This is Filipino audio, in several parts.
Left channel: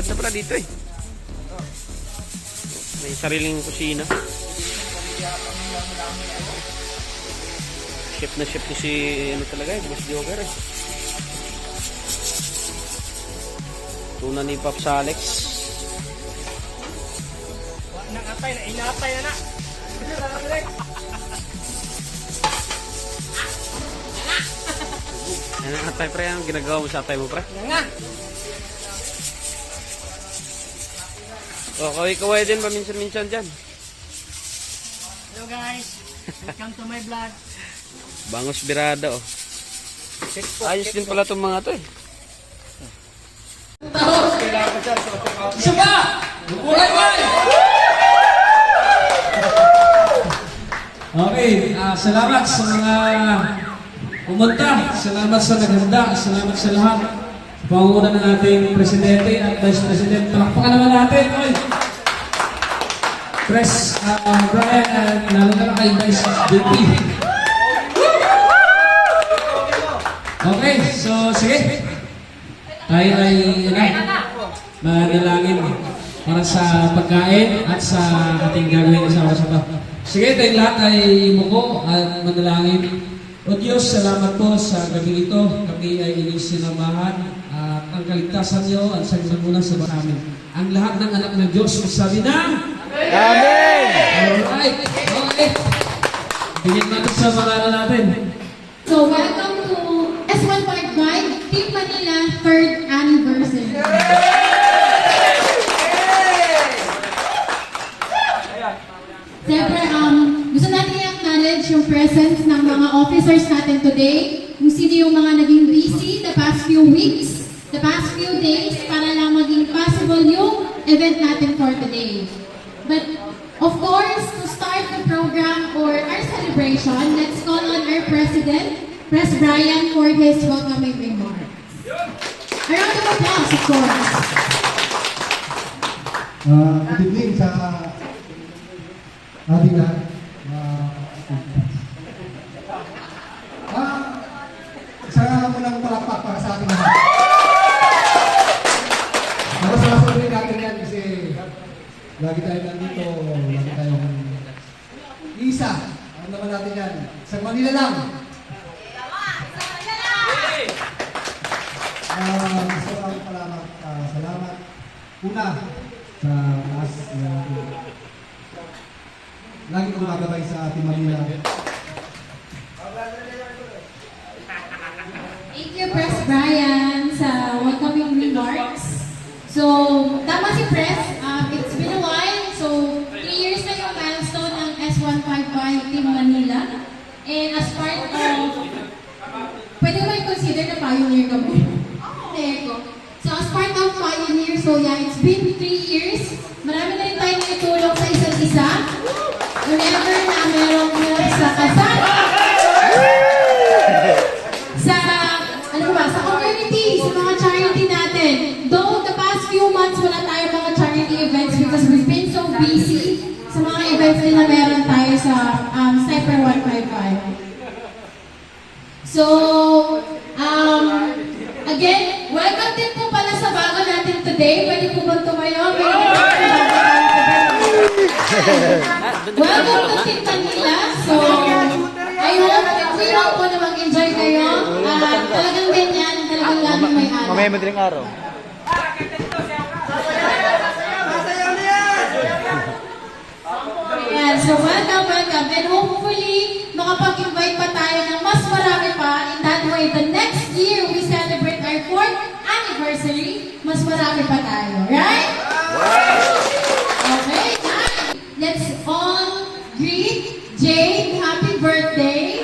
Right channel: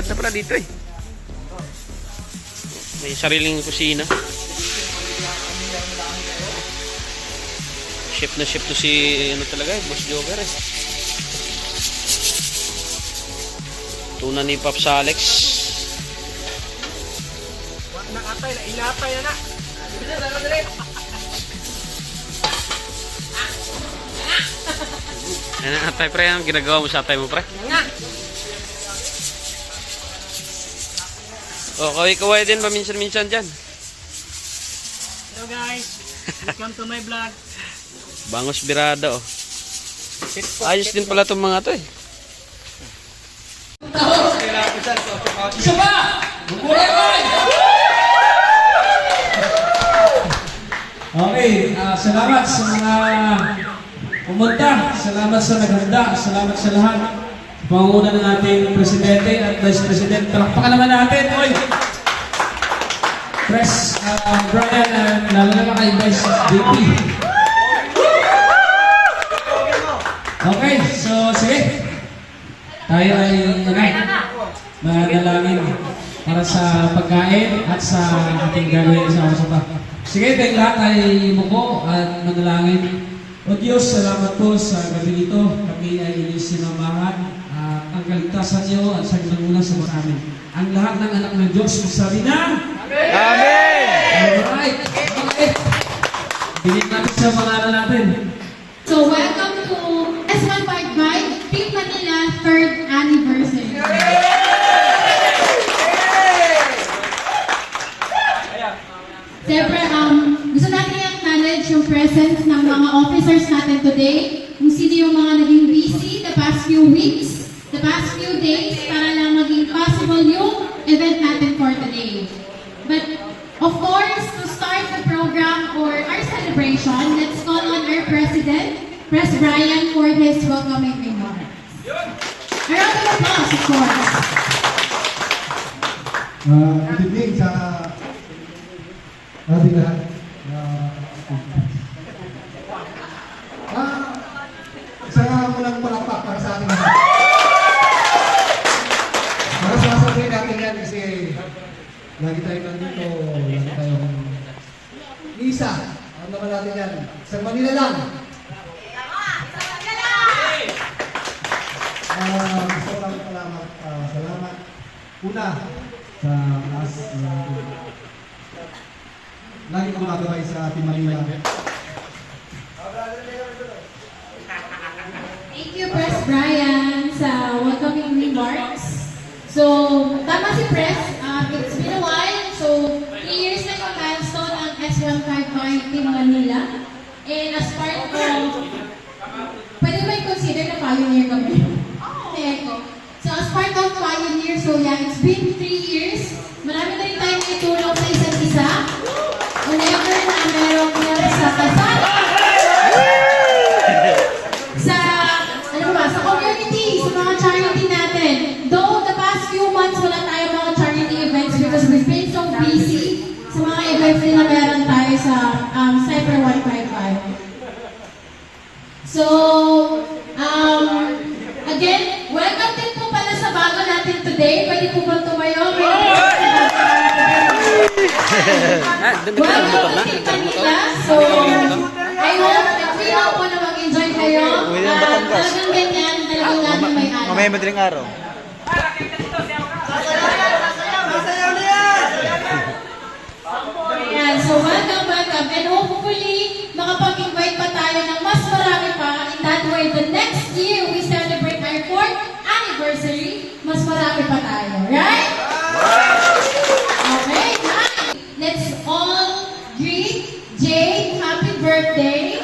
Maganda pala dito eh. May sariling kusina. Chef na chef to si ano talaga eh, Boss Joker eh. Tuna ni Pops Alex. Nakatay na, inatay na. Ano atay pre, ang ginagawa mo sa atay mo pre? O, kaway-kaway din paminsan-minsan dyan. Hello guys, welcome to my vlog. Bangos birada oh. Ayos din pala itong mga to eh. Isa pa! Bukuray! Okay, salamat sa mga pumunta. Salamat sa naghanda. Salamat sa lahat. Panguna ng ating Presidente at Vice President. Palakpakan naman natin. Oy! Press Brian at lalo na kay Vice VP. Okay, so sige. Tayo ay manalangin para sa pagkain at sa ating gagawin sa pa. Sige, tayong lahat ay muko at manalangin. O Diyos, salamat po sa gabi ito. Kami ay inyong sinamahan. Ang kaligtasan niyo at sa muna sa amin. Ang lahat ng anak ng Diyos, magsabi na Amen! Alright, okay. Bigyan natin sa mga natin. So, welcome to S155 Team Manila 3rd Anniversary. Siyempre, gusto natin i-acknowledge yung presence ng mga officers natin today, kung sino yung mga naging busy the past few weeks, the past few days, para lang maging possible yung event natin for today. But, of course, to start the program or our celebration, let's call on our President, Pres Brian, for his welcoming remarks. A round of applause, of course. Good evening sa ating lahat. Isa munang palakpak para sa ating lahat. Para sasabihin natin yan kasi lagi tayo nandito, lagi tayong isa. Ano naman natin yan? Sa Manila lang. Maraming salamat. Salamat. Una, sa taas. Lagi kong nagabay sa Team Manila. Thank you, Pres Brian, sa welcoming remarks. So, tama si Pres, it's been a while. So, 3 years na yung milestone ng S155 Team Manila. And as part of, pwede mo i-consider na pioneer kami. May echo. So, as part of pioneer, so yeah, it's been 3 years. Marami na rin tayong itulong sa isa't isa. Whenever na merong help sa kasal, sa, ano ba, sa community, sa mga charity natin. Though the past few months wala tayo mga charity events because we've been so busy sa mga events din na meron tayo sa Cyber 155. So, again, welcome din po pala sa bago natin today. Pwede po ba tumayo? Welcome to Team Manila. So, I hope and we hope po na mag-enjoy kayo. Talagang ganyan, talagang laging may alam. Mamaya madaling araw. Ayan, so welcome. And hopefully, makapag-invite pa tayo ng mas marami pa. In that way, the next year we celebrate our 4th anniversary, mas marami pa tayo. Right? Okay, guys. Let's all greet Jade. Happy birthday.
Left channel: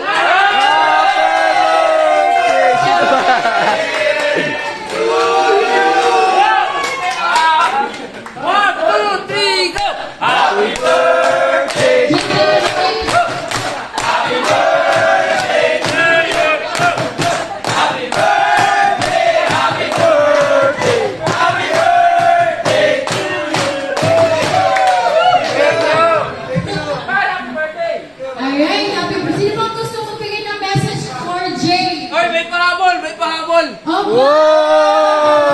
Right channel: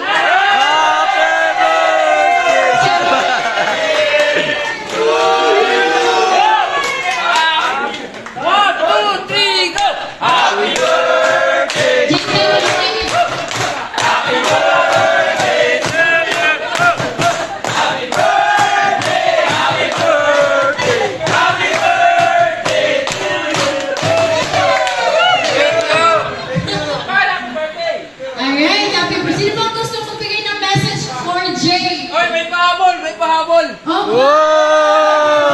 May pahabol! Oh, Wow!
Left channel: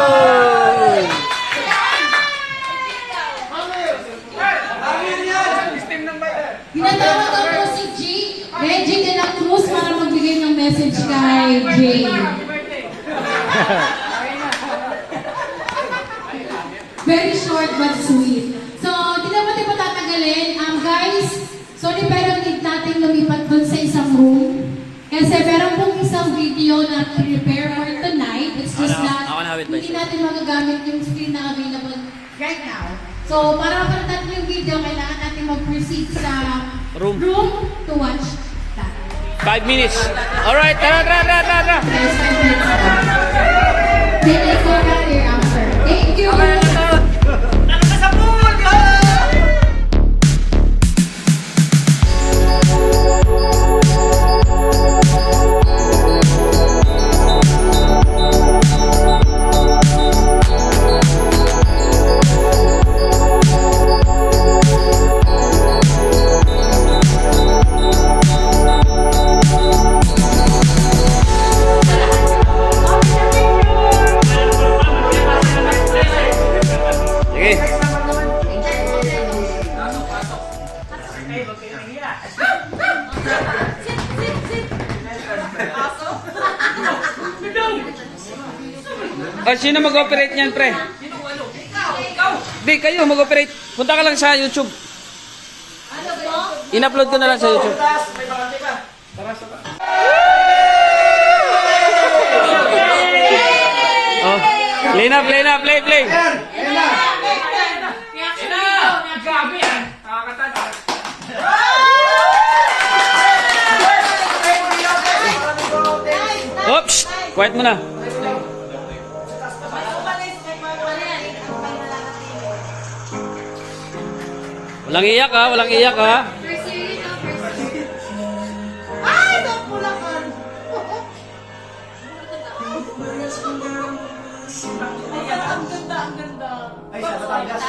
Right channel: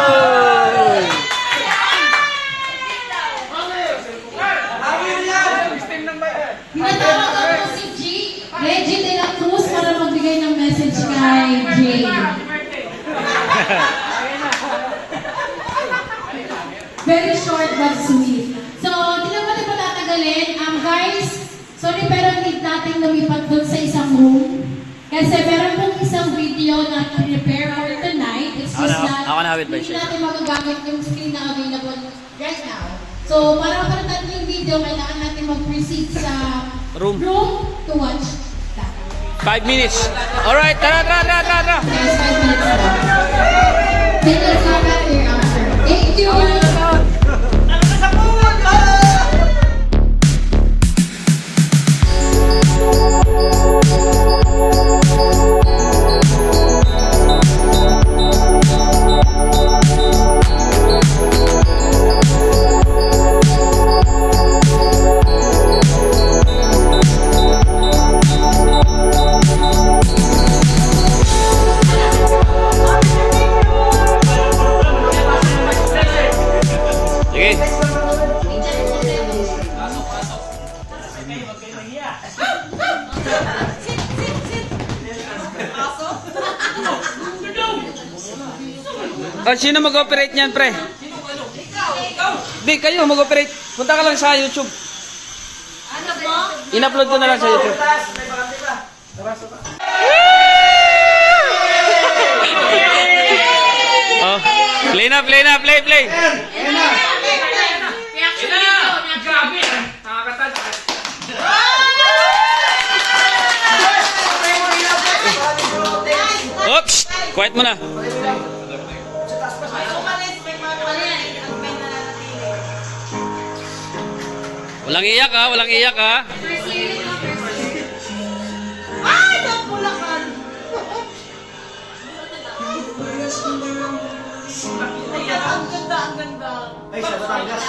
kay Jay. Very short but sweet. So, di naman tayo patatagalin. Guys, sorry pero need natin lumipat dun sa isang room. Kasi meron pong isang video na prepare for tonight. It's just that hindi natin magagamit yung screen na available right now. So, para para natin yung video, kailangan natin mag-proceed sa Room. to watch that. 5 minutes. Alright, tara. There's 5 minutes left. Then let's go back here after. Thank you! Sige. Sino mag-operate niyan, pre? Di, kayo mag-operate. Punta ka lang sa YouTube. Ano po? In-upload ko na lang sa YouTube. Oh, play na, play. Oops! Quiet mo na. Walang iyak ha. Ay, nagpulakan! Ang ganda. Ay, sa Batangas.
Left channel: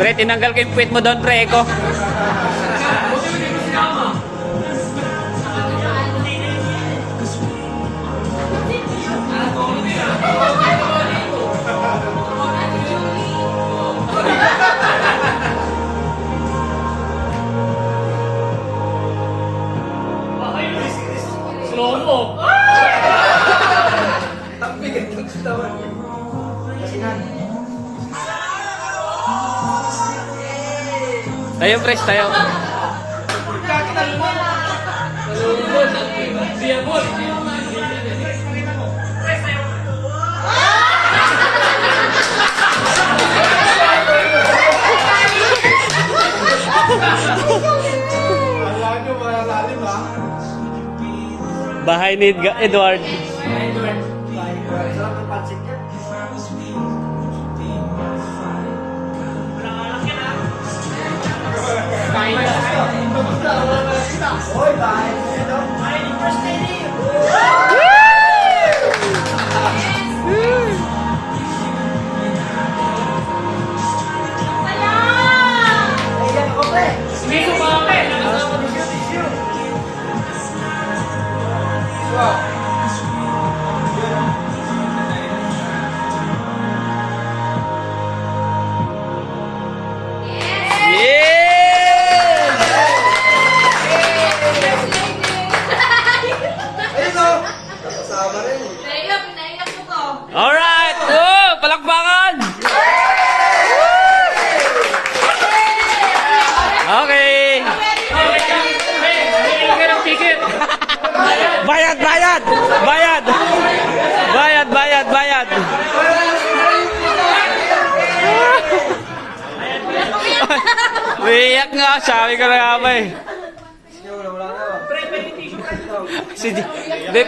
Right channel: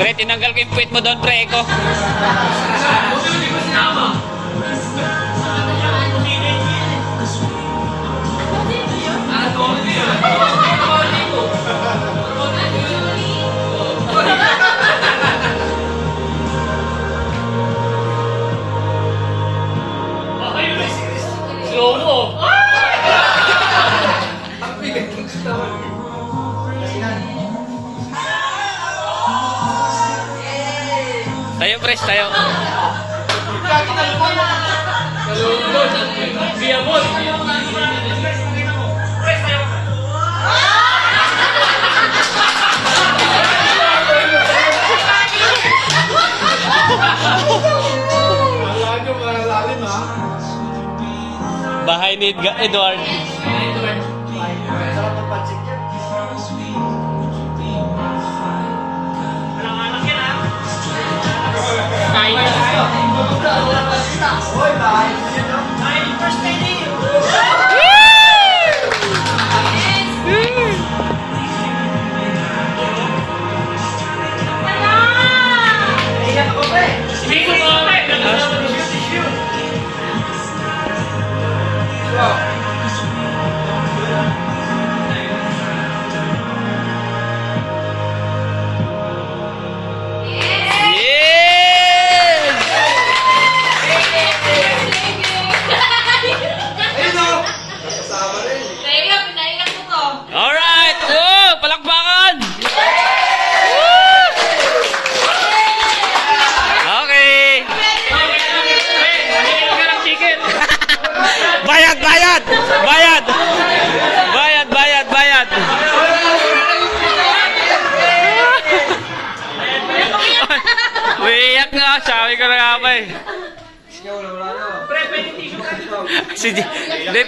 Pre, tinanggal ko yung puwit mo doon, pre. Eko. Tayo, pres, tayo. Bahay ni Edward. Sarap ng pansik yan. Kain na tayo. Alright! Oh, palakpakan! Okay! Bayad! Bayad! Bayad! Bayad! Bayad! Bayad! Umiiyak nga, sabi ko na nga ba eh.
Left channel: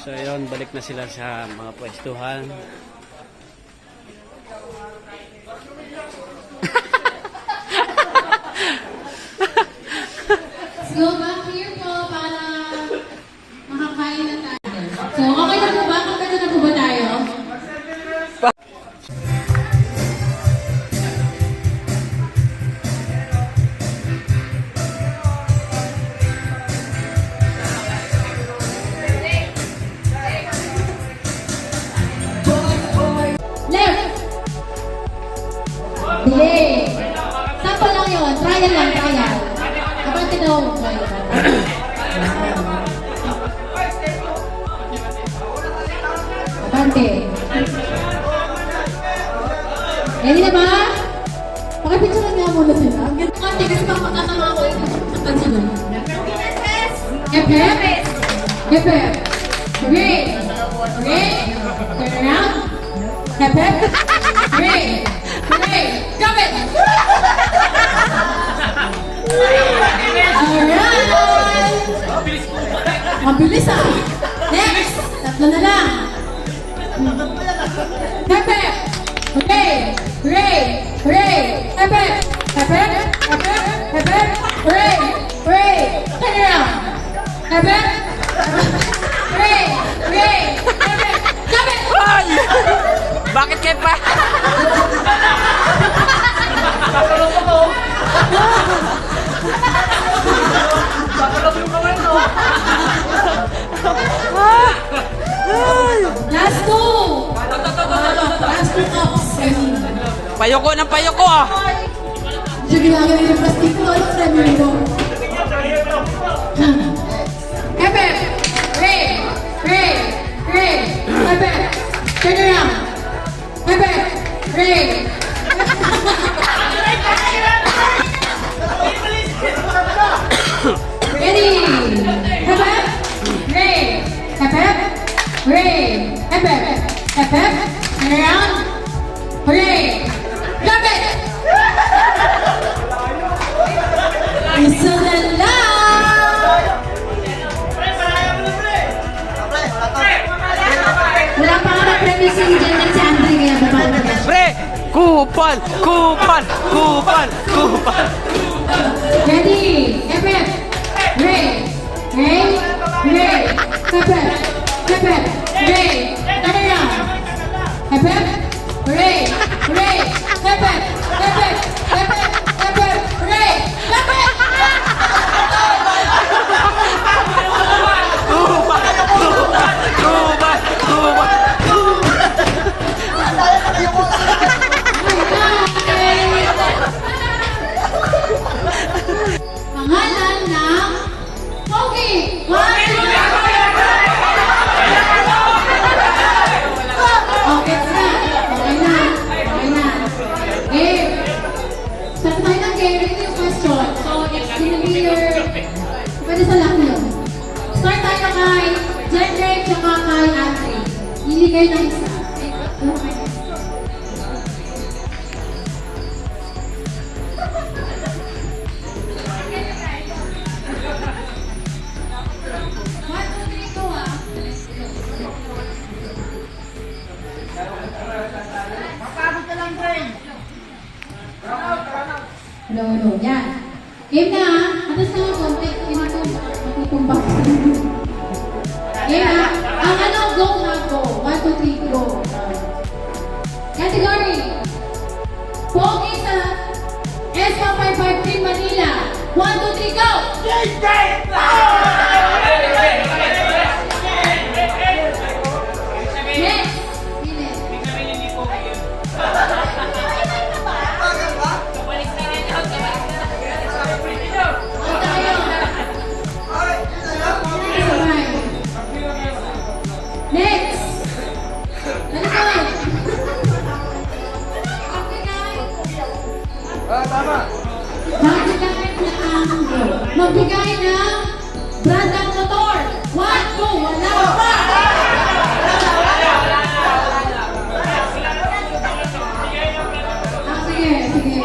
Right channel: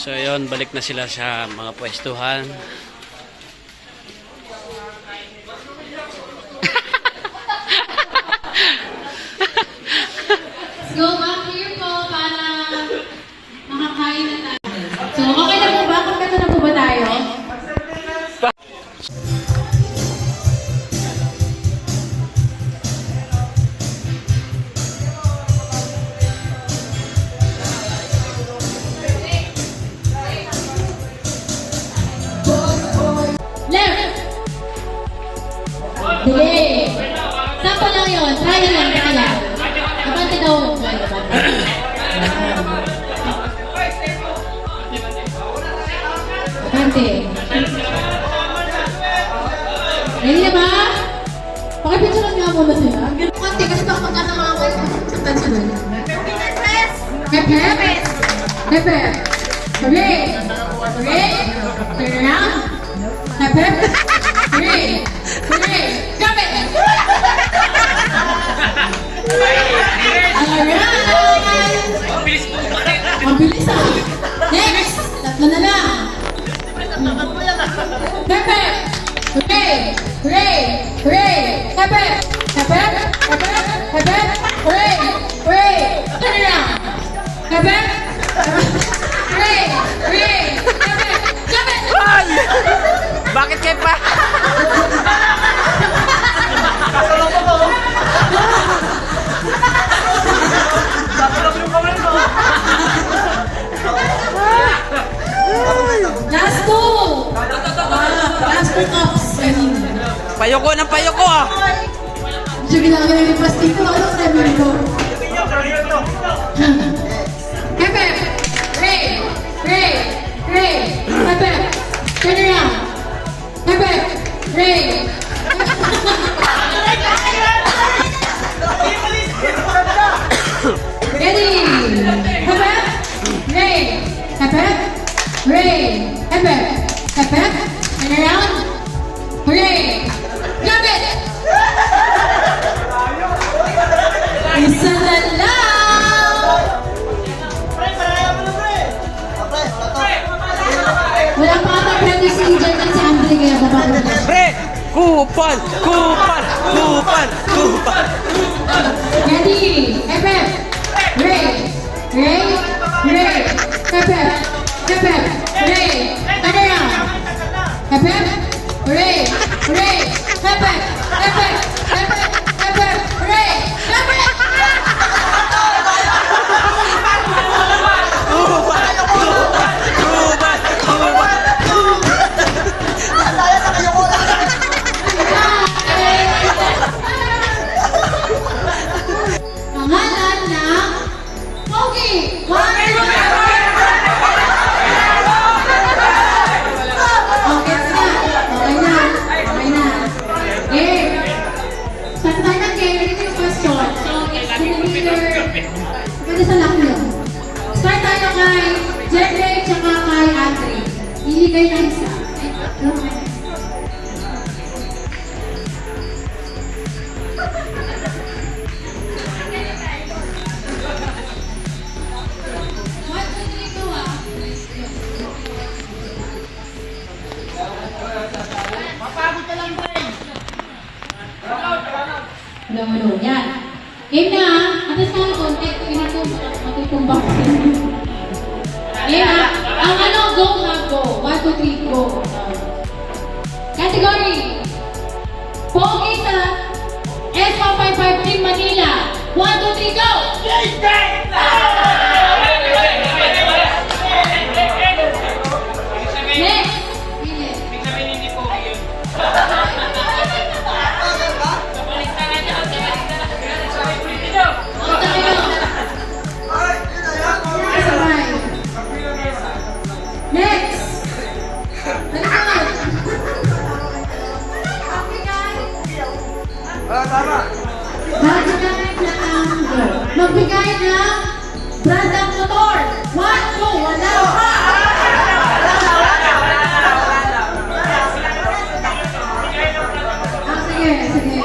So yun, balik na sila sa mga pwestuhan. Let's go back here po para makakain na tayo. So, okay na po ba? Kompleto na po ba tayo? Left! Delay! Sample lang yun. Trial lang, trial. Abante daw. Abante. Ready na ba? Pakipicturean nga muna sila. Konti kasi baka magkasama ako yung saktan sila. Hep hep. Hep hep. Hooray! Hooray! Turn around. Hep hep. Hooray! Hooray! Drop it! Alright! Ang bilis ah! Next! Tatlo na lang! Pepe! Hooray! Hooray! Hooray! Pepe! Pepe! Pepe! Pepe! Hooray! Hooray! Turn around! Pepe! Hooray! Hooray! Pepe! Drop it! Ay! Bakit kayo pa? Last two! Last two cups! Payoko ng payoko ah! Sige lang, yung plastic ko. Ano na namin ko? Pepe! Ray! Ray! Ray! Pepe! Turn around! Pepe! Ray! Ready! Pepe! Ray! Pepe! Ray! Pepe! Pepe! Turn around! Hooray! Drop it! Isa na lang! Wala pa ako na-premyo si Jen at si Andre kaya babalo na. Pre! Kupal! Kupal! Kupal! Kupal! Ready! Pepe! Ray! Ray! Ray! Pepe! Pepe! Ray! Turn around! Pepe! Ray! Ray! Pepe! Pepe! Pepe! Pepe! Ray! Pepe! Kupal! Kupal! Kupal! Pangalan ng Pogi! Okay na! Okay na! Okay na! Eh, start tayo ng game. Ito yung question. So, it's gonna be your... Pwede sa laki yun. Start tayo kay Jeffrey tsaka kay Andre. Hindi kayo ng isa. One, two, three, go ah. Hello, hello. Yan. Game na ah. Atas ka ng konti. Pinag-tumulong. kung bakit. Yeah, ang ano, go na go. 1, 2, 3, go. Category. Pogi sa S155 Team Manila. 1, 2, 3, go! Next. Next! Magbigay ng brand ng motor. 1, 2, wala. Sige, sige.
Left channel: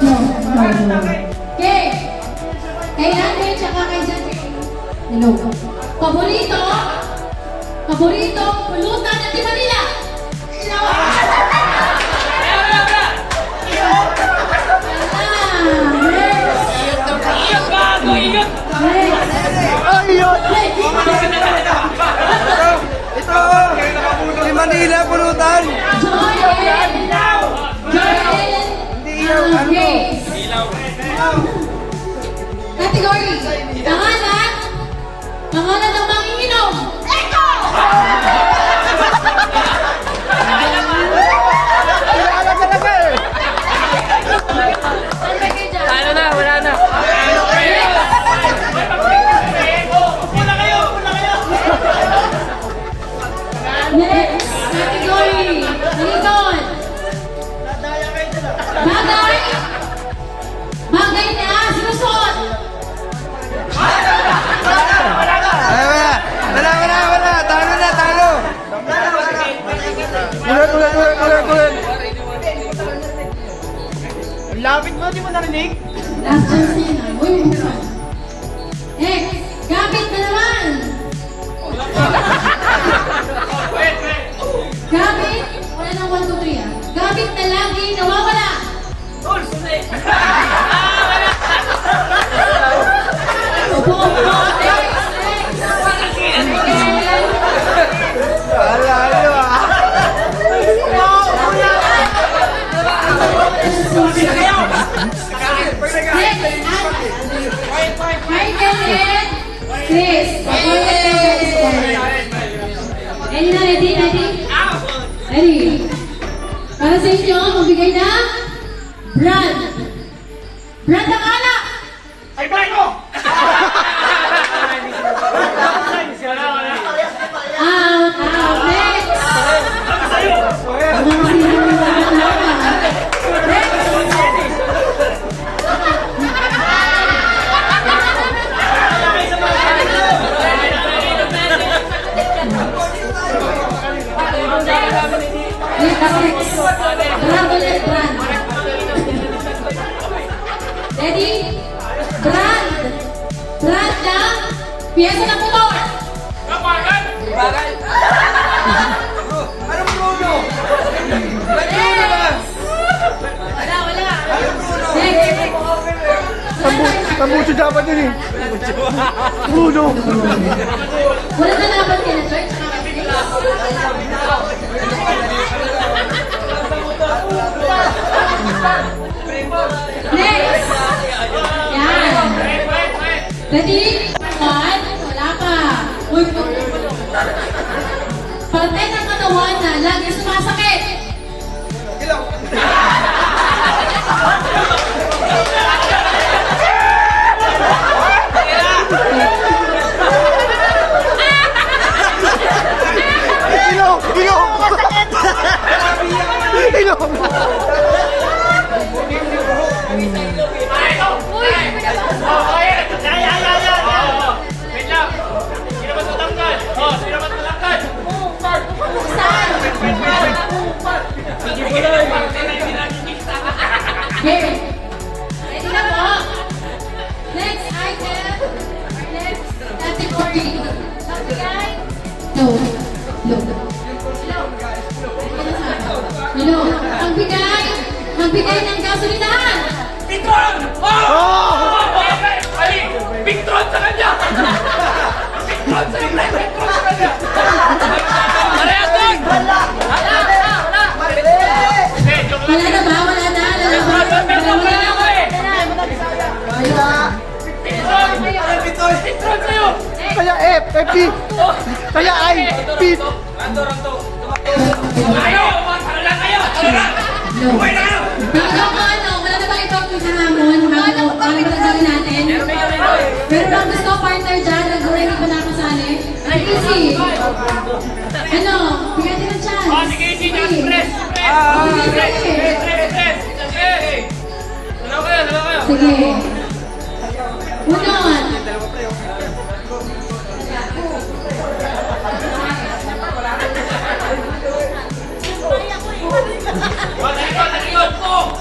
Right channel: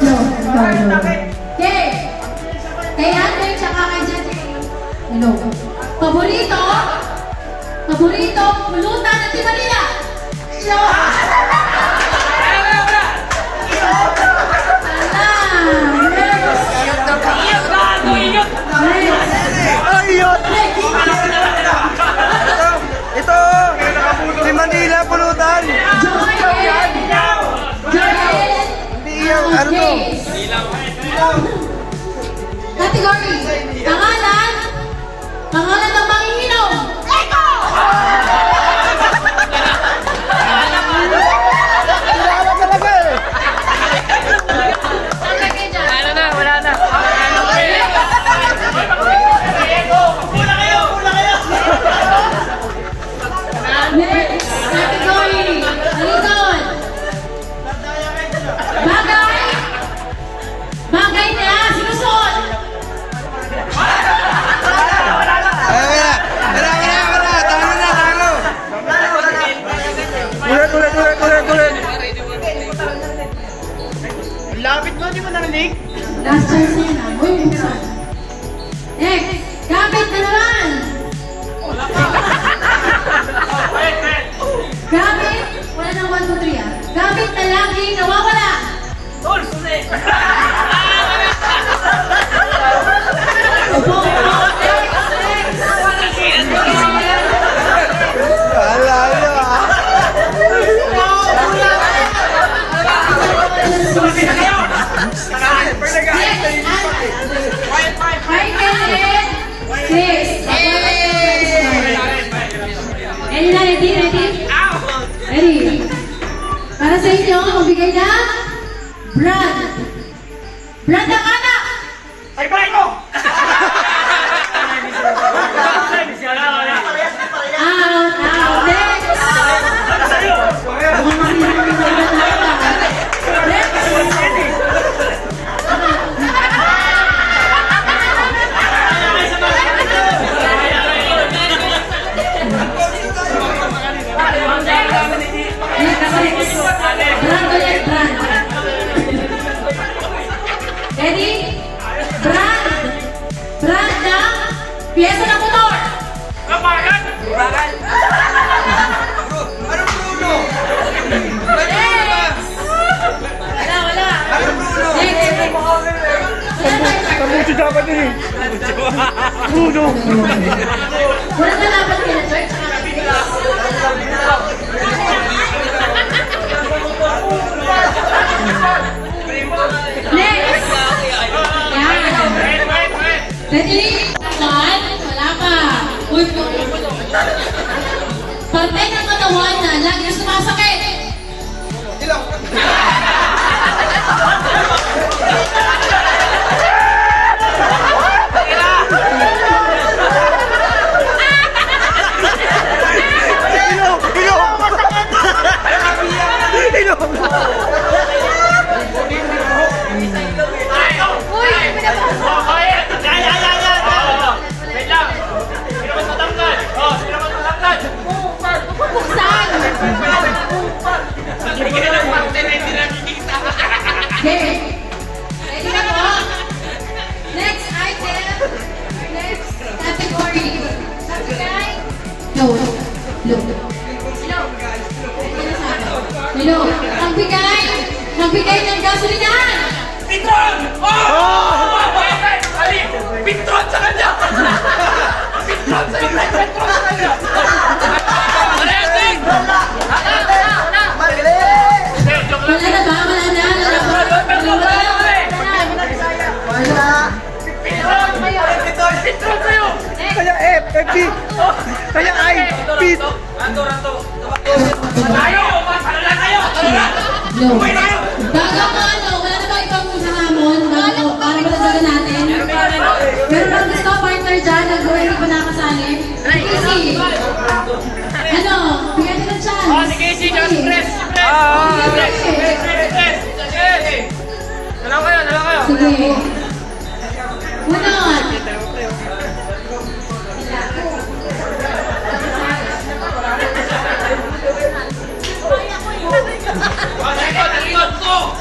No. Okay. Kay Andre, tsaka kay Jen. Hello. Paborito pulutan ng Team Manila. Si Manila, pulutan! Yes. Category. Pangalan ng manginginom. Eko! Kilala talaga eh! Wala na. Next category. Lincoln. Bagay na sinusuot. Ulit! Lapit mo, di mo narinig? Last choice niya na. Uy, meron. Next. Gamit na naman. Gamit. Wala nang 1, 2, 3 ah. Gamit na lagi nawawala. Hi, Kenneth! Please, ready na, ready? Ready? Para sa inyo, magbigay ng brand. Brand ng anak! Ay, balay ko! Out, next! Brand. Ready? Brand ng piyesa ng motor. Wala. Tambucho dapat din eh! Bruno! Wala na dapat nila, George. Next! Yan. Ready? 1, wala pa. Uy, parte ng katawan na lagi sumasakit. Ilong! Wait lang! Hindi naman matanggal! Hindi naman matanggal! Okay. Ready na po? Next item. Hello. Magbigay ng gasolinahan. Pitron! Oh! Ali! Pitron sa kanya! Pitron sa kanya! Pitron sa kanya! Hindi, joke lang. Wala na ba? Wala na? Pitron kayo! Kaya F, FB. Kaya I, Pete. Ayaw! Tara na kayo! Tara na! No. Wala na bang ibang hahamon? Para matagawin natin? Meron bang gusto partner dyan? Nag-gawin hindi pa nakasali? Easy. Ano? Bigyan din ng chance. Oh, sige, sige, press! Dalaw kayo! Sige. Unod. Talikod ko!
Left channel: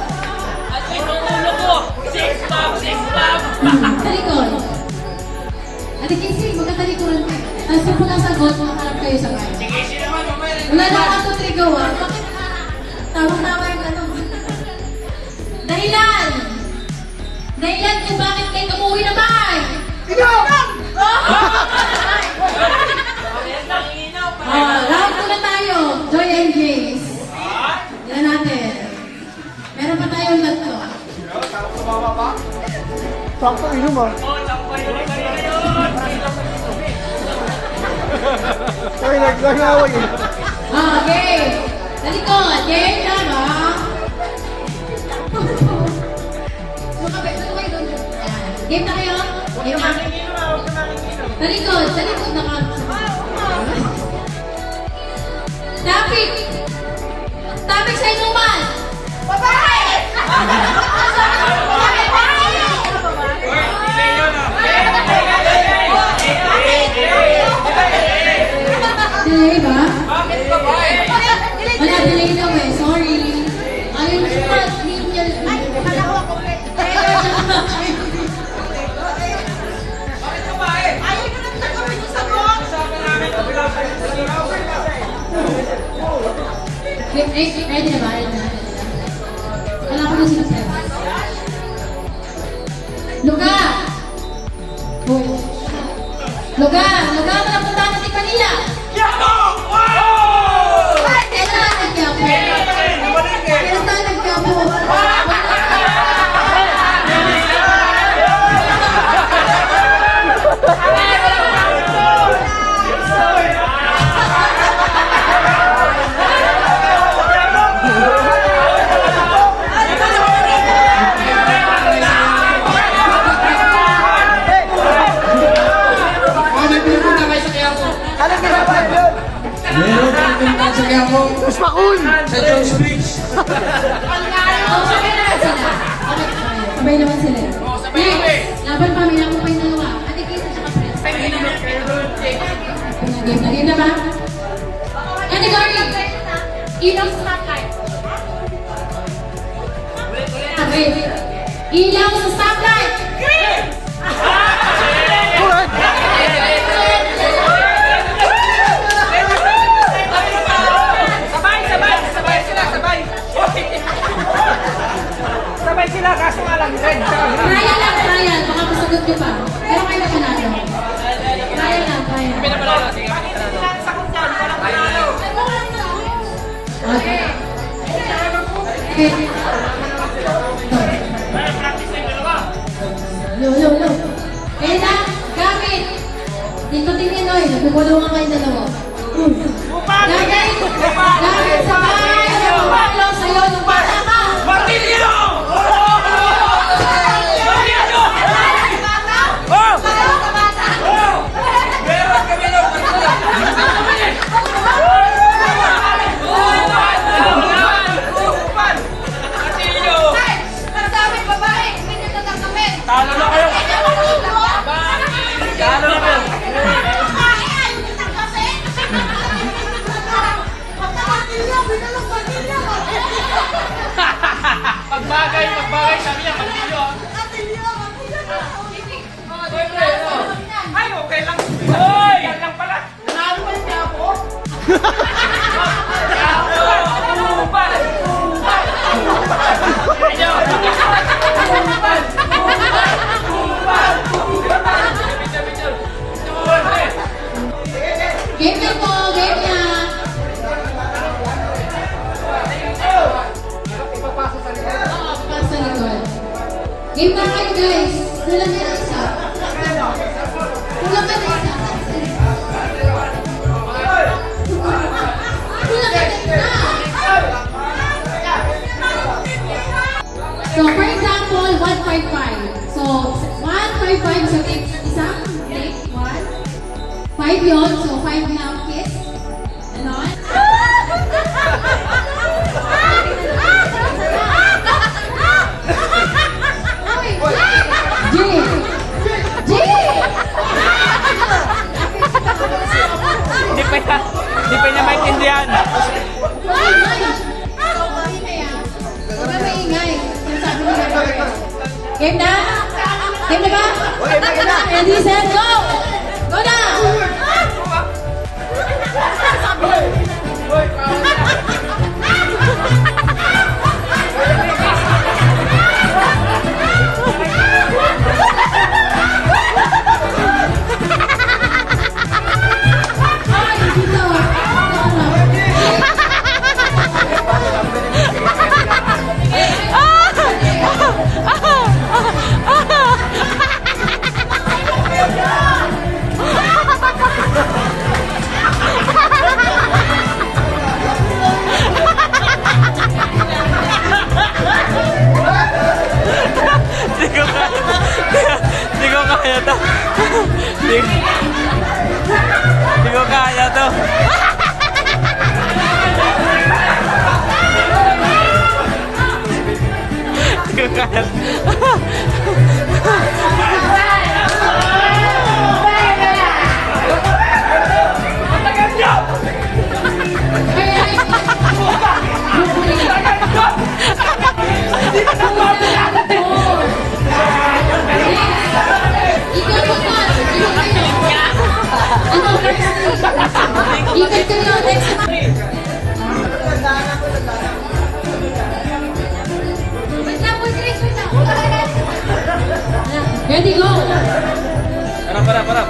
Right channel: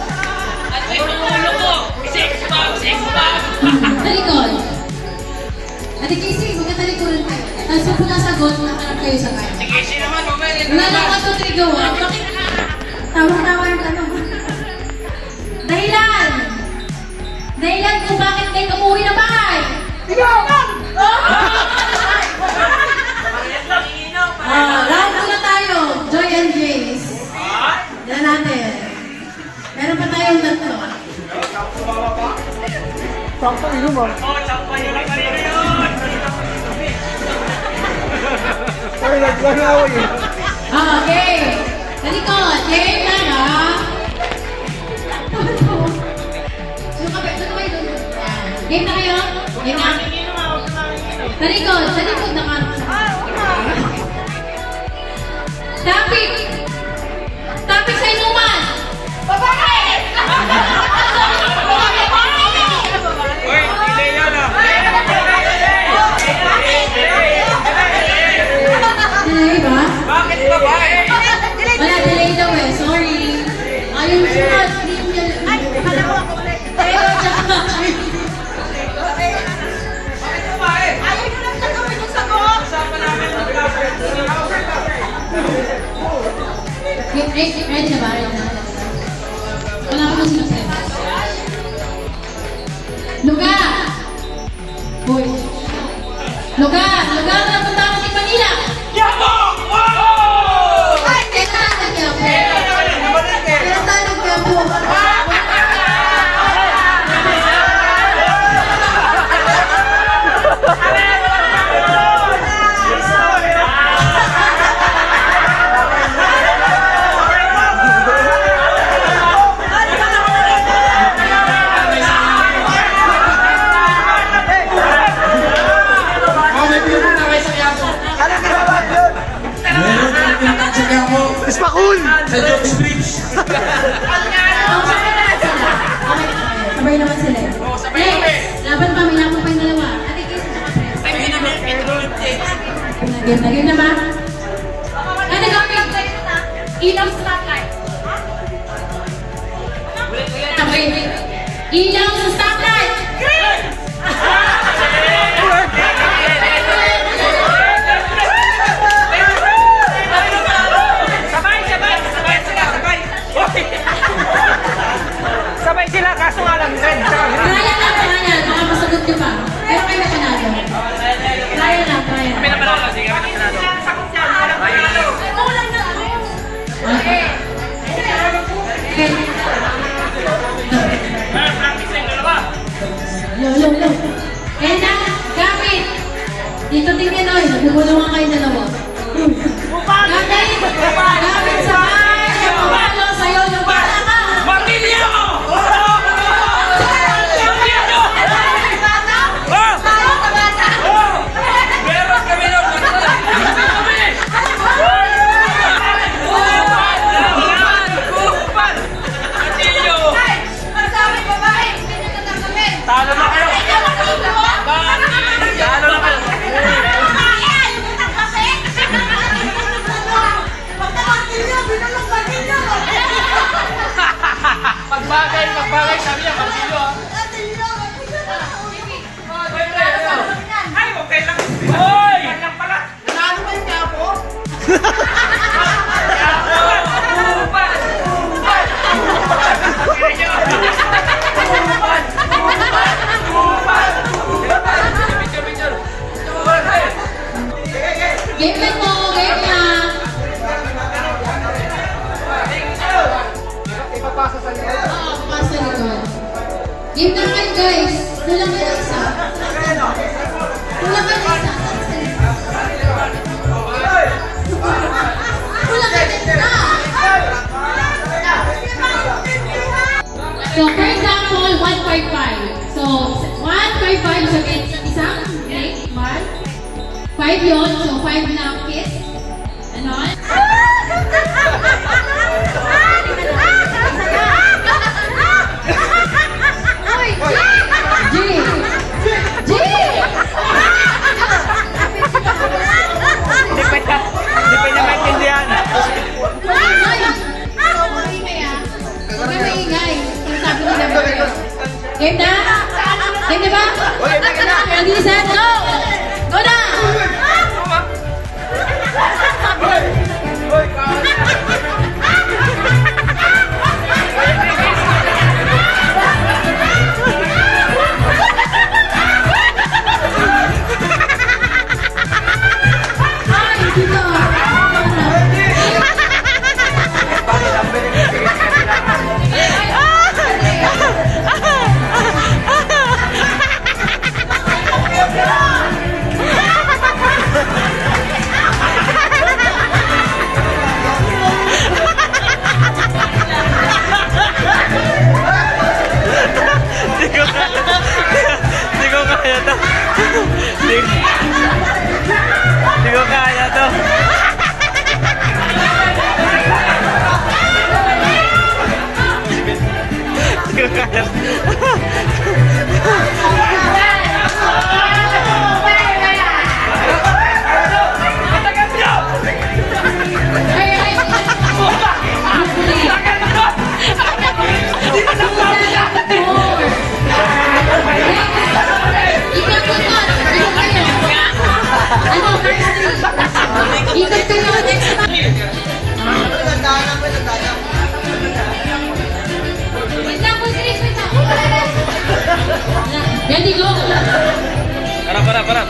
At ito ang ulo ko! Six bomb! Talikod. Ate Casey, magkatalikuran kayo. Tapos pag wala sagot, nakaharap kayo sa kanya. Sige, sino naman mamaya? Wala na 1, 2, 3, go ah. Tama yung tanong. Dahilan kung bakit kayo umuwi na bahay. Ikaw! Round 2 na tayo. Joy and Grace. Yan natin. Meron pa tayong tatlo. Sakto inom ah. Ay, nag-away eh. Okay. Talikod. Game lang ah. Game na kayo? Game na. Talikod na ka. Topic sa inuman. Babae! Delay ba? Bakit babae? Wala, delay daw eh. Sorry. Ayun sunod. Ay, akala ko ako ulit. Bakit babae? Ayaw nyo lang tagawin yung sagot. Usapan namin ang Ready na ba? Wala ko nang sinasabi. Luga! Hoy. Luga na napunta natin Manila! Yapo! Wow! Kailan tayo nagkiyapo? Kailan tayo nagkiyapo? Meron tayong pinuntahan sa Quiapo. Ispakul! Sa George Bridge. Sabay naman sila. Next, laban pa, may naman pa yung dalawa. Ate Casey, tsaka Press. Game na ba? Ay, nag-game. Ilaw sa stoplight. Okay. Ilaw sa stoplight. Green! Sabay sila, kaso nga lang red. Kaya lang, baka masagot nyo pa. Pero kayo na panalo. Kaya lang. Okay. Okay. Lo. Kaya gamit. Dito tingin oy, nagpupulungan kayo dalawa. Gamit sa bahay. Pabalo sa'yo ng bata ka. Martilyo! Martilyo! Meron kami ng Talo na kayo! Talo na kayo! Magbagay, sabi niya, martilyo ah. Ay, okay lang. Hoy! Yan lang pala. Nalo ba yung ako? 5 yun. So, 5 na ang kiss. Ganon. G! G! Hindi pa niya maintindihan. Game na? Game na ba? Game na. Ready, set, go! Go na! Ay, dito. Hindi ko kaya to. Hindi ko kaya to. Hindi ko kaya to. Ikot kayo next time. Wait lang po, Chris. Wait lang. Ready, go! Parap.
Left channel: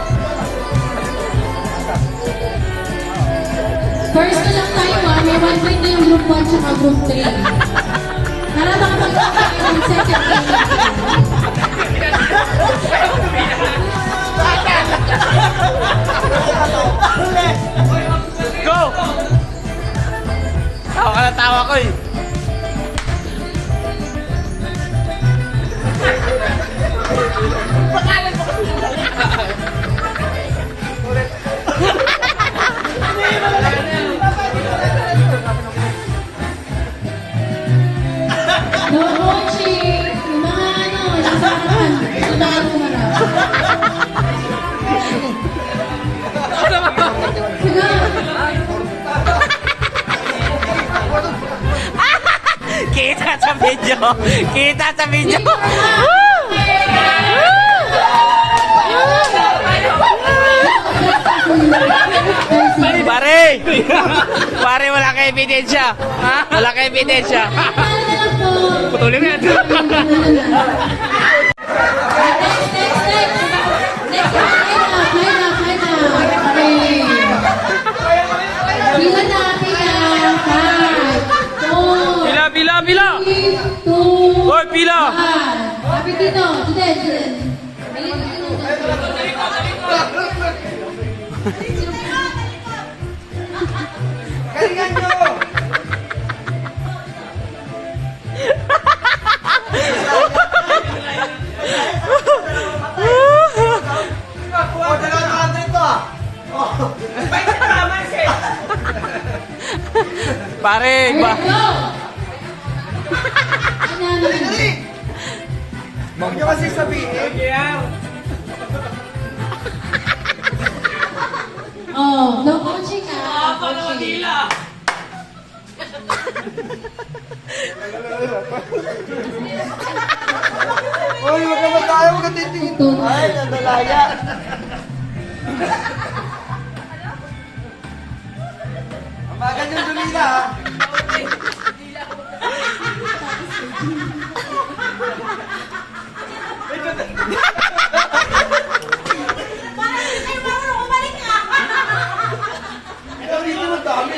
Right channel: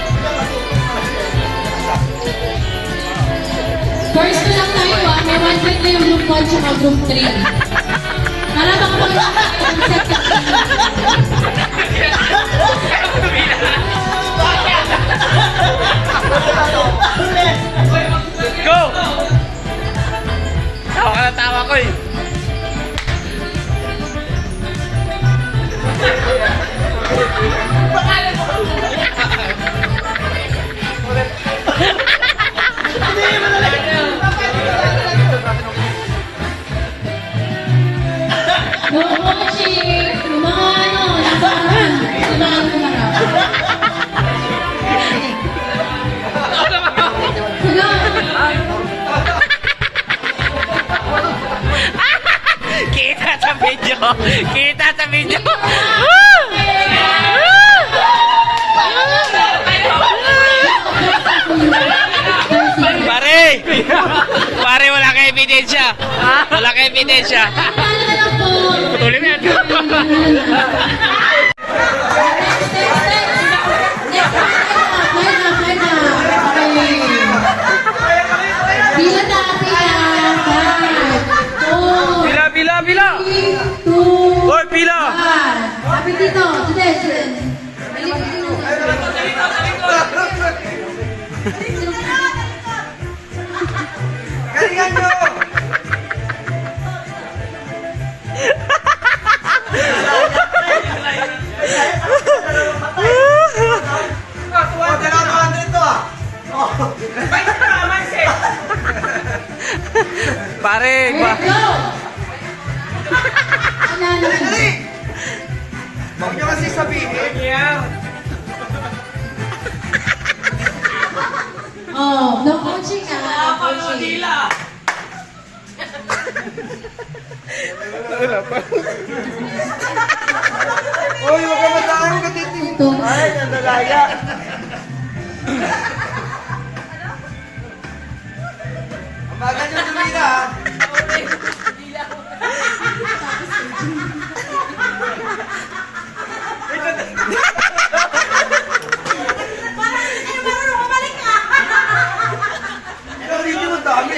First na lang tayo ah. May 1 point na yung group 1 tsaka group 3. Para bang pang second Go! Tawa ka ng tawa ko eh. No coaching! Yung mga ano, nasa harapan. Tumahan ko harap. Kita sa video. Kita sa video. Pare! Pare, wala ka ebidensya. Wala ka ebidensya. Paano na lang po? Putulin mo yan. Next. Play na. Okay. Pila na. 5, 4, Pila. 3, 2, Hoy, pila. 1. Kapit dito. Duden. Balik dito. Galingan nyo! Dalawa dito ah! Pare, ba? Go! Ano? Dali! Huwag nyo kasi sabihin. Oh, no coaching ah. No coaching. Uy, huwag ka matayang katitingin. Ito. Ay, nandalaya. Bagal yung dumina ah. Ikaw video mo dami.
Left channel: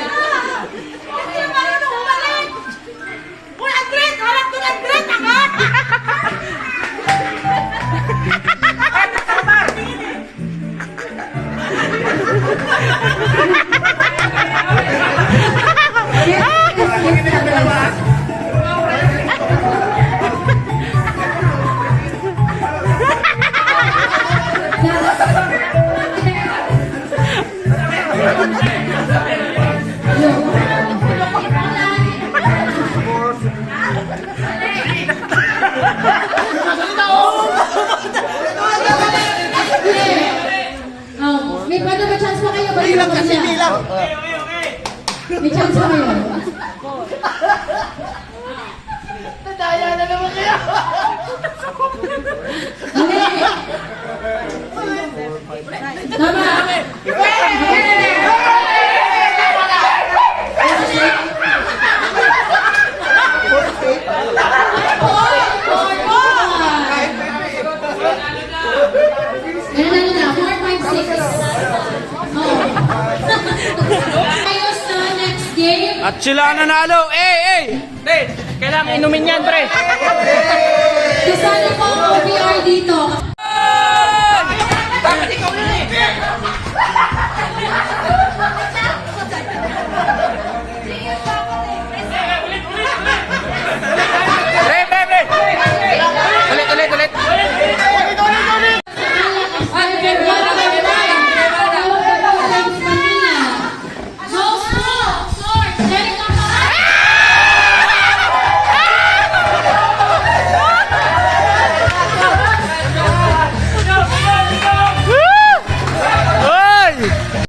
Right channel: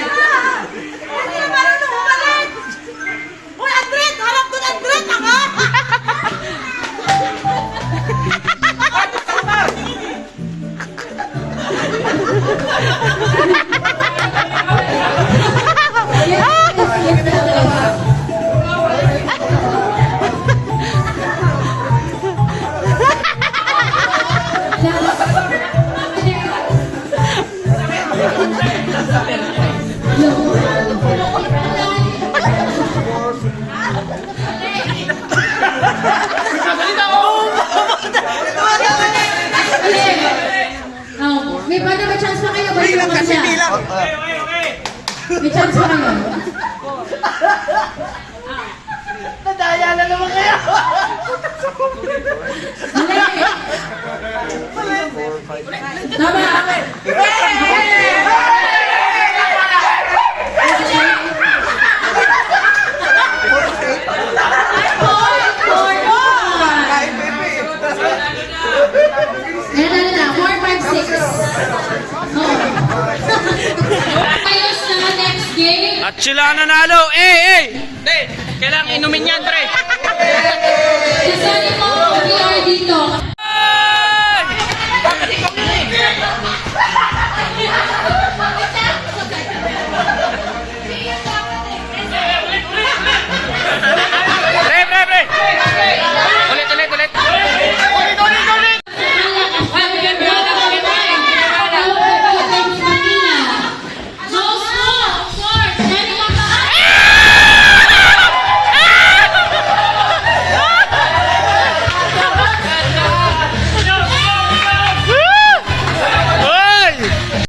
Yeah. May chance pa kayo. Nadaya na naman kayo. Dali. Tama. Ano na, 4, 5, 6. Ayos na next game. At sila ang nanalo. Hindi, kailangan inumin yan, pre. Kasali mo ang VR dito. Bakit ikaw na eh? Pre. Ulit.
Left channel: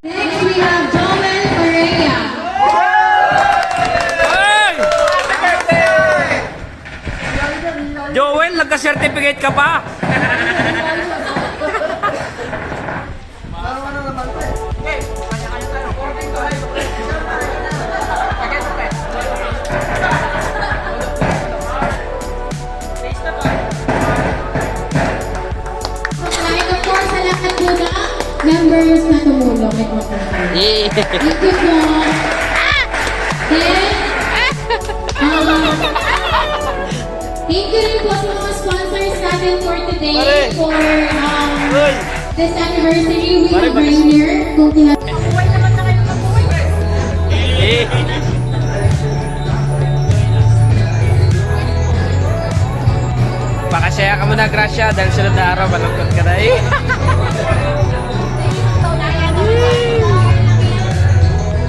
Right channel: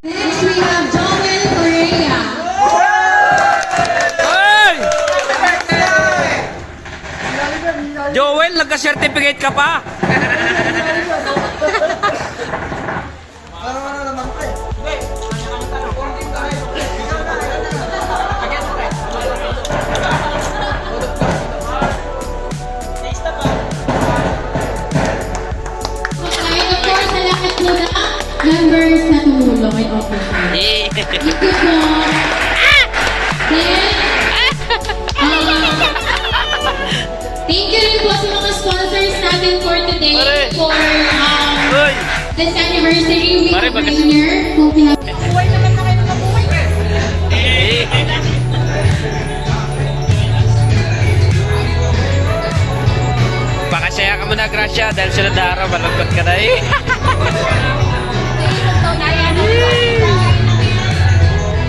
Next we have Joel Correa. Joel, nagka-certificate ka pa. And of course, salamat po na members na tumulong at open card. Thank you po. Then, thank you rin po sa mga sponsors natin for today for this anniversary week of Rainier. Kung Pakasaya ka muna, Gracia, dahil sunod na araw, malungkot ka na eh.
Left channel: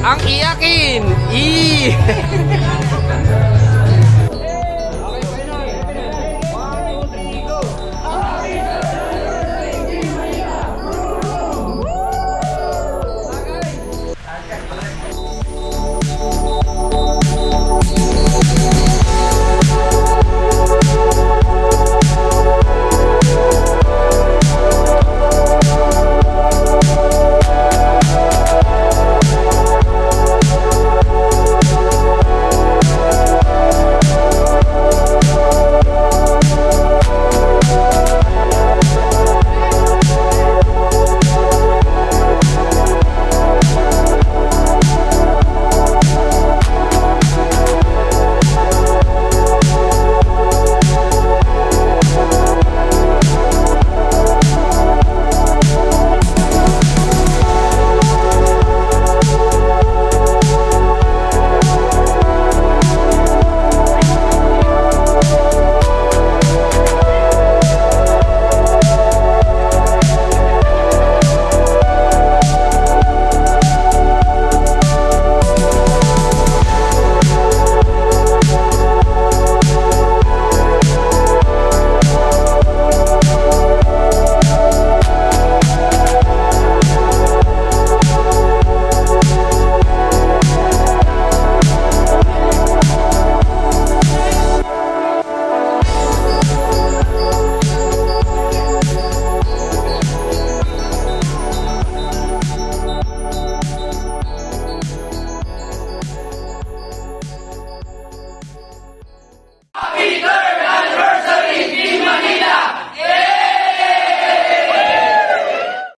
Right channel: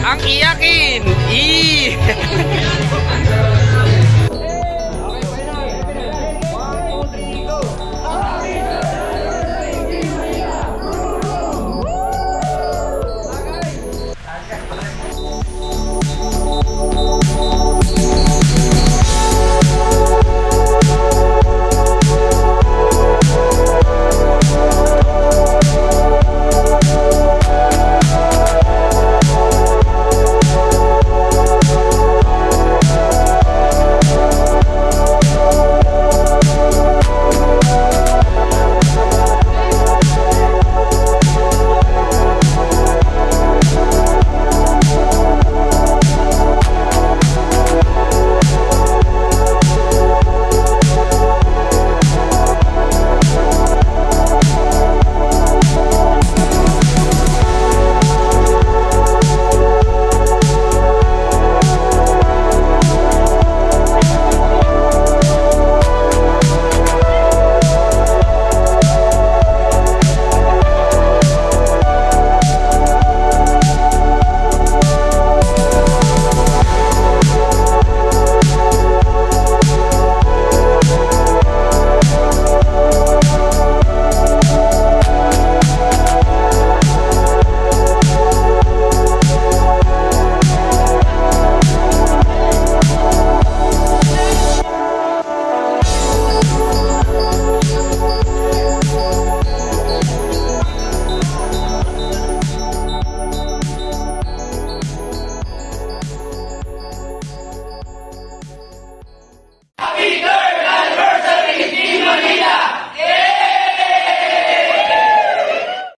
Ang iyakin!